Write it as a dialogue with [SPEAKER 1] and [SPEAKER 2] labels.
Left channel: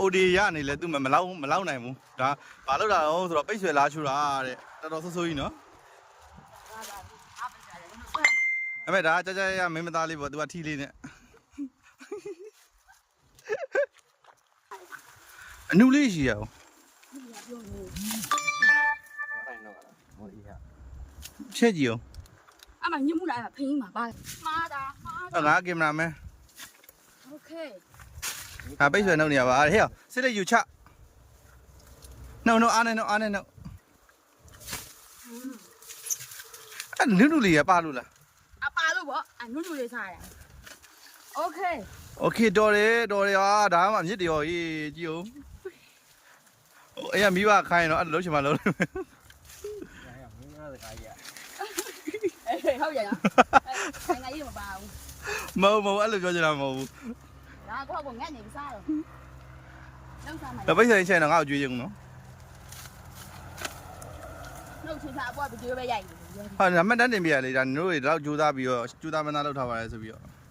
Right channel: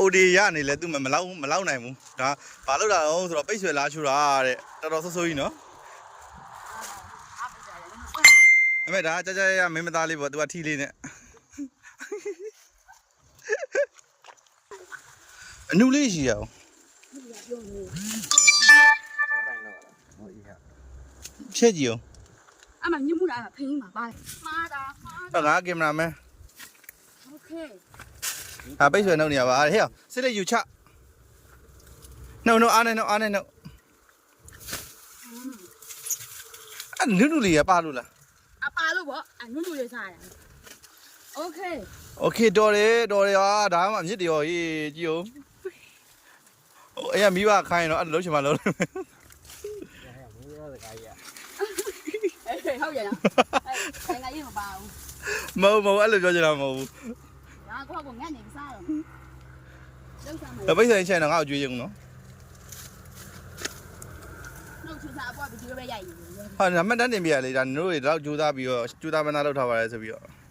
[SPEAKER 1] OD ရနေလဲသူမလောက်နိုင်ဘူးဒါဘာလို့လာတော့ဆိုတော့ပိတ်ဆွဲလားချူတာတဲ့တော်ဆိုးကြီးနော်အဲ့မဲ့ဒါကြရမင်းမသားလေးပေါ့ तू ကထီးလေးနဲ့အနုလေးရှိရအောင်ဖြည့်ကြည့်အောင်
[SPEAKER 2] အဲ့မှာညမှုလာဖိင်းမှာပါမှားတာ
[SPEAKER 1] တော့ငါကင်မရာမန်
[SPEAKER 2] โอเค
[SPEAKER 1] ပိတ်ဆွဲနှုတ်နေရပါဟဲ့စစ်လက်ယူချနှုတ်အားနဲ့အဲ့နုလေးရပါလို့လား
[SPEAKER 2] အပါလို့ပေါ့အနုလေးစားရโอเค
[SPEAKER 1] โอเคတော်တယ်ဟာဒါမှအဖြစ်တယ်ရောကြီးကြည့်အောင်ဟိုအဲ့ရမိဘခိုင်းတော့အဲ့လုံးချင်မှလုံး
[SPEAKER 2] ဟုတ်ရလားဆိုင်ကရေးမပါဘူး
[SPEAKER 1] မဟုတ်အဲ့လိုပြောချင်တာမဟုတ်ဘူး
[SPEAKER 2] ဒါကောငတ်နေစားတော့လုံးစားမှာ
[SPEAKER 1] တပိတ်ဆိုင်ချင်တော့ငါ့ကိုကြွေးချင်ဘူးနော်
[SPEAKER 2] နှုတ်ချစားအပွားဗီဒီယိုပဲရိုက်နေ
[SPEAKER 1] ဟာနံပါတ်တန်းတင်ပြရလေဒါတို့တွေတော့ကြိုးစားပြီးတော့ကြိုးစားမနာလောက်ထားပါလဲဆိုပြီးတော့